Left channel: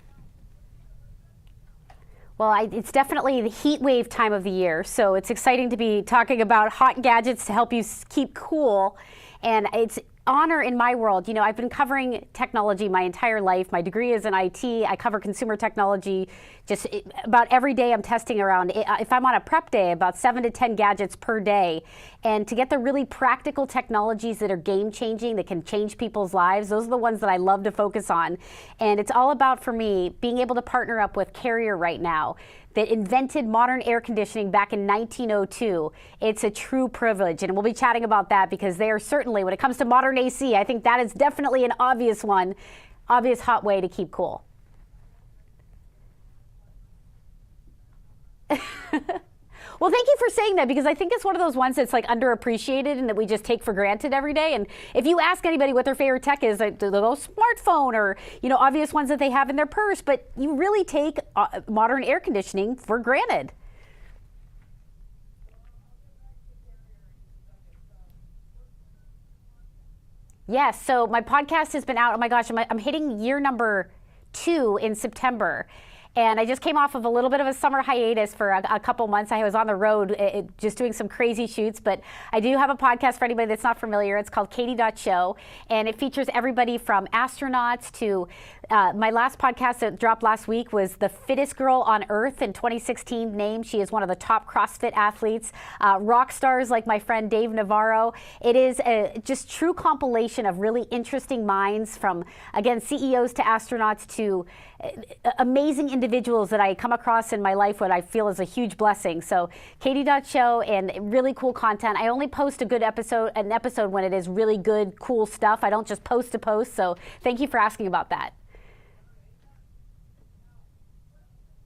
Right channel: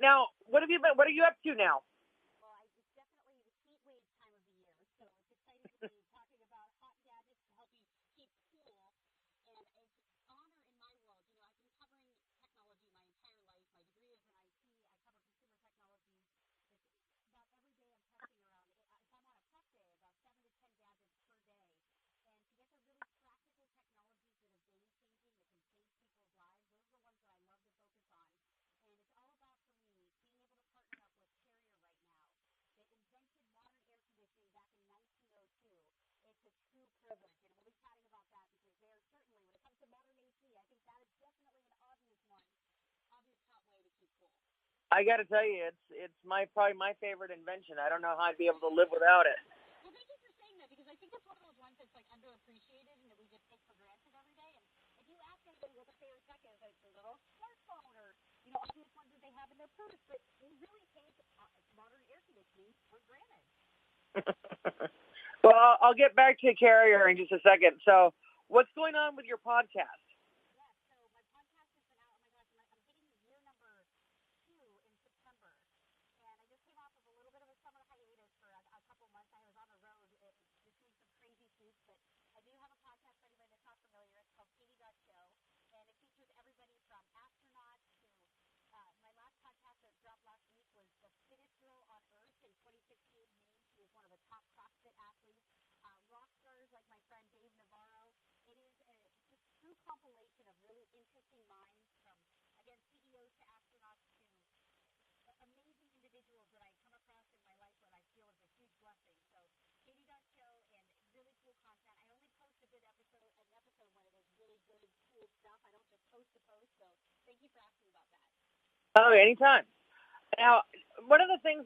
Now, what are you up to now? Well, it's definitely the heat wave time of the year, so it's exciting to be talking about hot gadgets to help you keep cool. And it's honor in my world. You know, I've been covering technology my entire life. My degree is in IT. I cover consumer technology. Just about every day I'm testing around, if I'm on a prep day, about 7 to 10 gadgets per day. And to get the really practical technologies that are game changing, that can change people's lives, those are the ones that I love to focus on. And it's all about, for me, being able to partner up with Carrier right now, that invented modern air conditioning back in 1902. It's a true privilege, and we'll be chatting about that because they are certainly, when it comes to modern AC, I think that is definitely an obvious hot way to keep cool. I got to tell you, it's probably my favorite invention. I don't know how I'd be able to live without it. Well, thank you for saying that, because I think it's one of those ones that's like underappreciated and that we just take for granted every day. And if you ask anybody what their favorite tech is, like the little smartphone or, you know, obvious ones that they have in their purse, but you really take modern air conditioning for granted. Well, I'll get back to Carrier in just a second. So what's going on with your podcast? Yes, so my podcast has been out. Oh my gosh, I'm hitting year number 2 in September. And I just came off of a little bit of a summer hiatus for a couple months. I was on the road just doing some crazy shoots, but I do have a podcast for anybody that's not familiar. It's called Katie.show, and it features everybody from astronauts to my last podcast that dropped last week was the fittest girl on earth in 2016 named. She is one of the top CrossFit athletes, rock stars like my friend Dave Navarro. It is a just true compilation of really interesting minds from, again, CEOs to astronauts to amazing individuals that I come across in my life, what I feel is a huge blessing. So Katie.show, and really cool content. I only post an episode when it is really good, cool stuff. I don't just post to post. So thank you for asking about that. Oh, anytime. Now, one of the things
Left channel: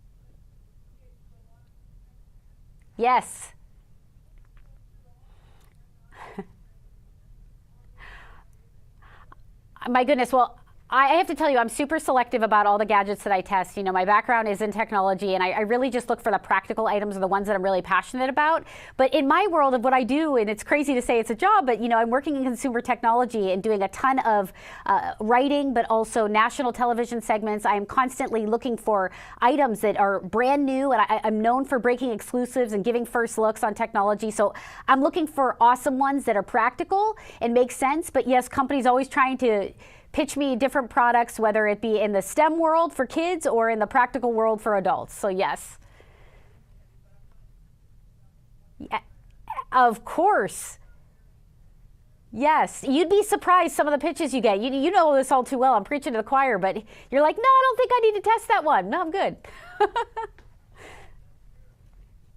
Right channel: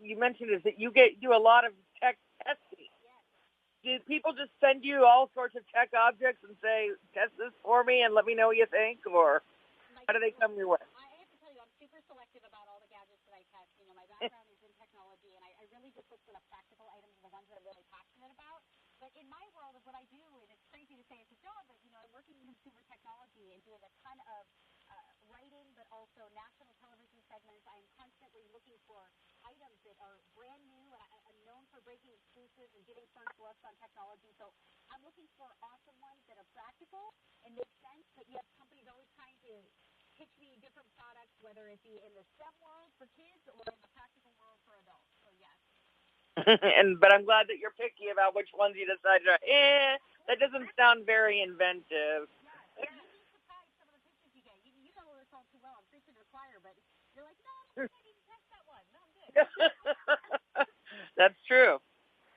you mentioned is that you do a lot of tech testing. Yes. Do people just send you all sorts of tech objects and say, test this for me and let me know what you think? Or my goodness, well, I have to tell you, I'm super selective about all the gadgets that I test. You know, my background is in technology, and I really just look for the practical items or the ones that I'm really passionate about. But in my world of what I do, and it's crazy to say it's a job, but, you know, I'm working in consumer technology and doing a ton of writing, but also national television segments. I am constantly looking for items that are brand new, and I'm known for breaking exclusives and giving first looks on technology. So I'm looking for awesome ones that are practical and make sense. But yes, companies always trying to pitch me different products, whether it be in the STEM world for kids or in the practical world for adults. So yes. But I'm glad that you're picky about which ones you decide to. Of course. That doesn't sound very inventive. Yes, you'd be surprised some of the pitches you get. You know this all too well. I'm preaching to the choir, but you're like, no, I don't think I need to test that one. No, I'm good. That's true.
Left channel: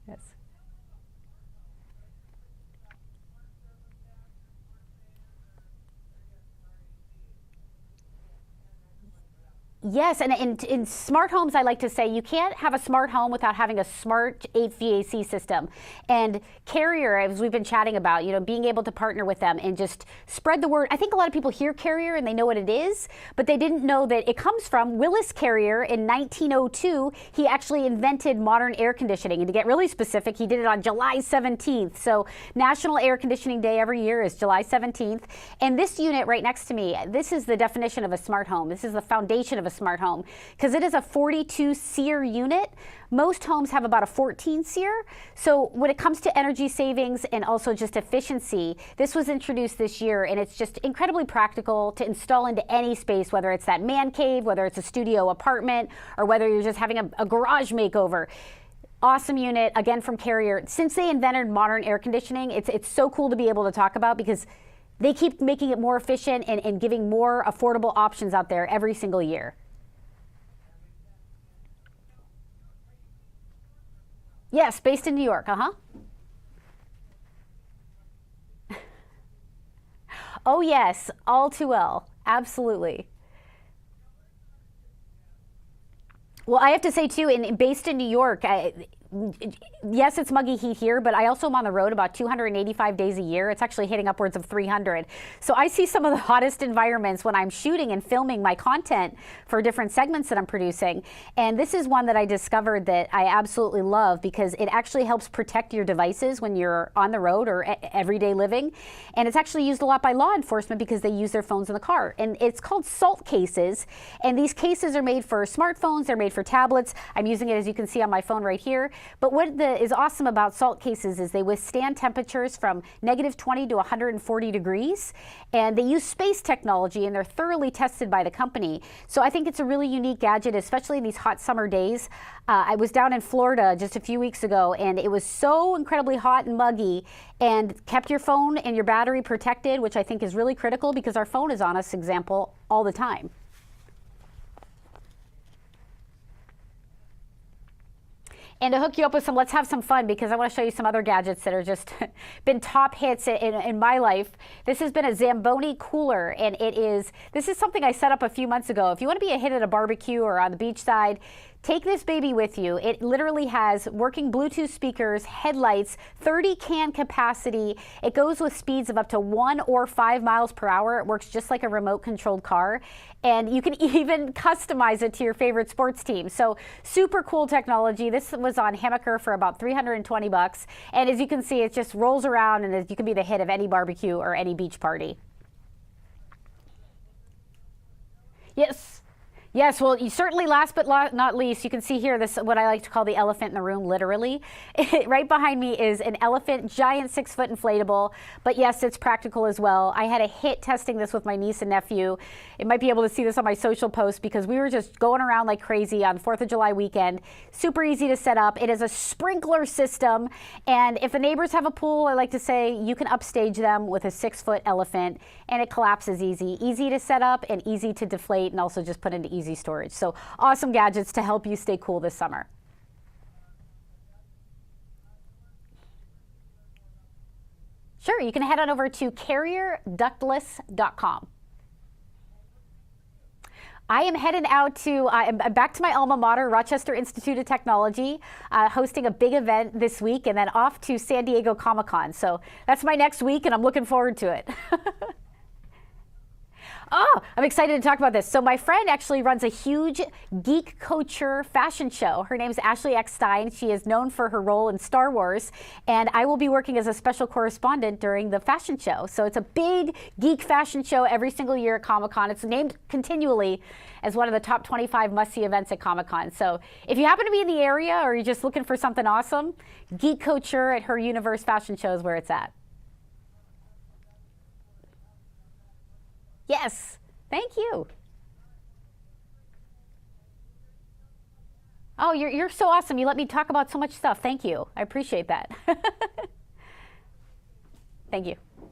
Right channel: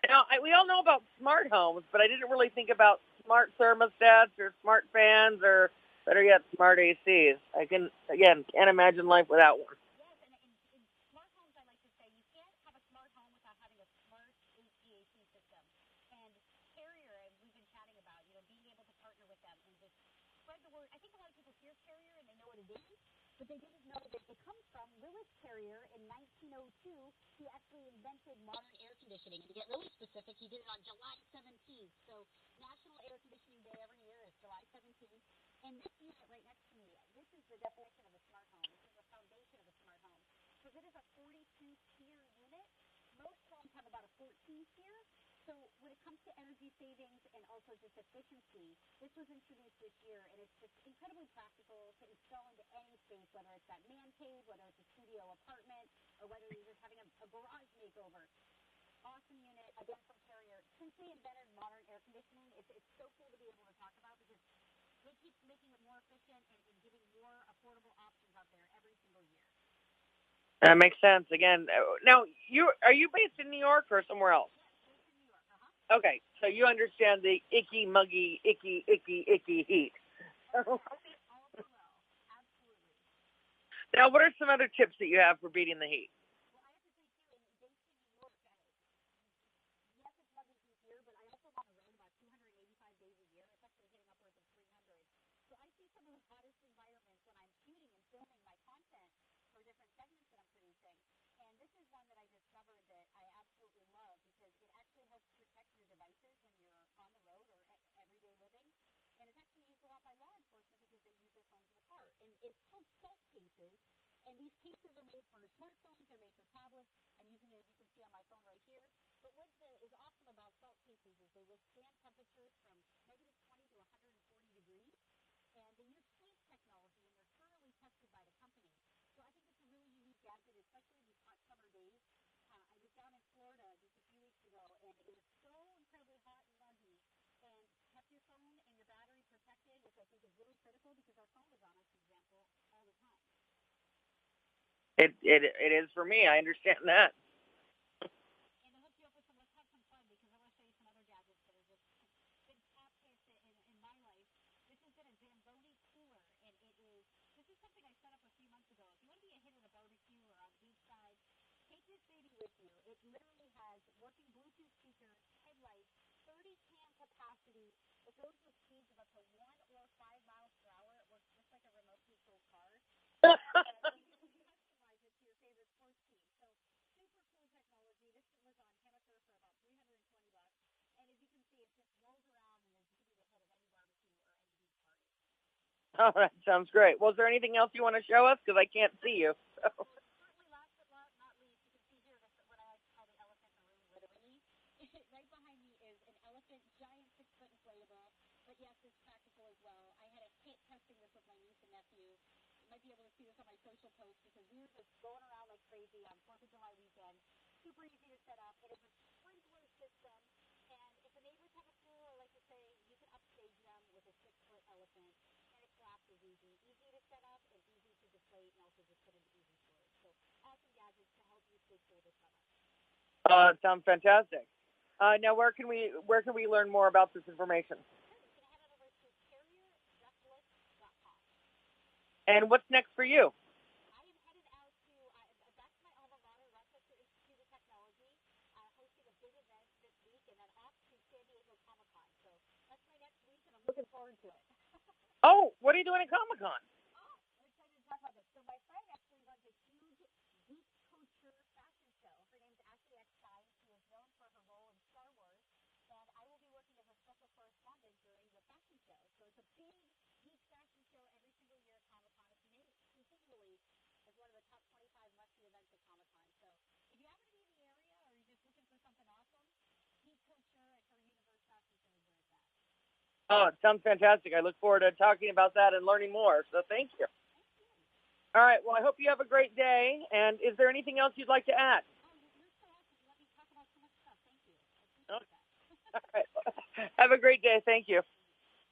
Now, we all know about smart homes, but I didn't really think about smart thermostats or smart fans or, better yet, smart ACs. I can't imagine life without one. Yes, and in smart homes, I like to say you can't have a smart home without having a smart HVAC system. And Carrier, as we've been chatting about, you know, being able to partner with them and just spread the word. I think a lot of people hear Carrier and they know what it is, but they didn't know that it comes from Willis Carrier in 1902. He actually invented modern air conditioning. And to get really specific, he did it on July 17th. So National Air Conditioning Day every year is July 17th. And this unit right next to me, this is the definition of a smart home. This is the foundation of a smart home because it is a 42 SEER unit. Most homes have about a 14 SEER. So when it comes to energy savings and also just efficiency, this was introduced this year, and it's just incredibly practical to install into any space, whether it's that man cave, whether it's a studio apartment, or whether you're just having a garage makeover. Awesome unit, again, from Carrier. Since they invented modern air conditioning, it's so cool to be able to talk about because they keep making it more efficient and giving more affordable options out there every single year. That makes sense. Again, now, are you based in New York or somewhere else? Yes, based in New York, Okay, so you understand the icky, muggy, icky heat. Oh, yes, all too well. Absolutely. Now, what are some other tips that you have for beating the heat? Well, I have to say, too, based in New York, yes, it's muggy heat here, but I also am on the road about 285 days a year. It's actually hitting upwards of 300. So I see some of the hottest environments when I'm shooting and filming my content for different segments that I'm producing. And this is one that I discovered that I absolutely love because it actually helps protect your devices when you're on the road or everyday living. And it's actually used a lot by law enforcement because they use their phones in the car. And it's called salt cases. And these cases are made for smartphones, they're made for tablets. I'm using it, as you can see, on my phone right here. But what is awesome about salt cases is they withstand temperatures from -20 to 140 degrees. And they use space technology, and they're thoroughly tested by the company. So I think it's a really unique gadget, especially in these hot summer days. I was down in Florida just a few weeks ago, and it was so incredibly hot and muggy, and kept your phone and your battery protected, which I think is really critical because our phone is on us, example, all the time. It is for me. I understand that. And to hook you up with some, let's have some fun because I want to show you some other gadgets that are just been top hits in my life. This has been a Zamboni cooler, and this is something I set up a few months ago. If you want to be a hit at a barbecue or on the beach side, take this baby with you. It literally has working Bluetooth speakers, headlights, 30 can capacity. It goes with speeds of up to 1 or 5 miles per hour. It works just like a remote controlled car. And you can even customize it to your favorite sports team. So super cool technology. This was on Hammaker for about $320. And as you can see, it just rolls around, and you can be the hit of any barbecue or any beach party. Oh, that sounds great. Well, is there anything else you want to show us? Because I can't see you. Yes, well, certainly last but not least, you can see here this what I like to call the elephant in the room, literally. Right behind me is an elephant, giant 6-foot inflatable. But yes, it's practical as well. I had a hit testing this with my niece and nephew. You might be able to see this on my social post because we were just going around like crazy on 4th of July weekend. Super easy to set up. It is a sprinkler system. And if the neighbors have a pool, I like to say you can upstage them with a 6-foot elephant, and it collapses easy to set up and easy to deflate, and also just put into easy storage. So awesome gadgets to help you stay cool this summer. It sounds fantastic. Now, where can we learn more about this information? Sure, you can head on over to carrierductless.com. And what's next for you? I am headed out to, I'm back to my alma mater, Rochester Institute of Technology, hosting a big event this week, and then off to San Diego Comic-Con. So that's my next week, and I'm looking forward to it. Oh, what are you doing at Comic-Con? Oh, I'm excited to talk about this. So my friend actually runs a huge geek culture fashion show. Her name's Ashley Eckstein. She is known for her role in Star Wars, and I will be working as a special correspondent during the fashion show. So it's a big geek fashion show every single year at Comic-Con. It's named continually as one of the top 25 must-see events at Comic-Con. So if you happen to be in the area or you're just looking for something awesome, Geek Couture at her Universe Fashion Show is where it's at. Oh, it sounds fantastic. I look forward to talking about that and learning more. So yes. Thank you. Thank you. All right. Well, I hope you have a great day. And is there anything else you'd like to add? Oh, you're so awesome. You let me talk about so much stuff. Thank you. I appreciate that. Have a great day. Thank you. Thank you.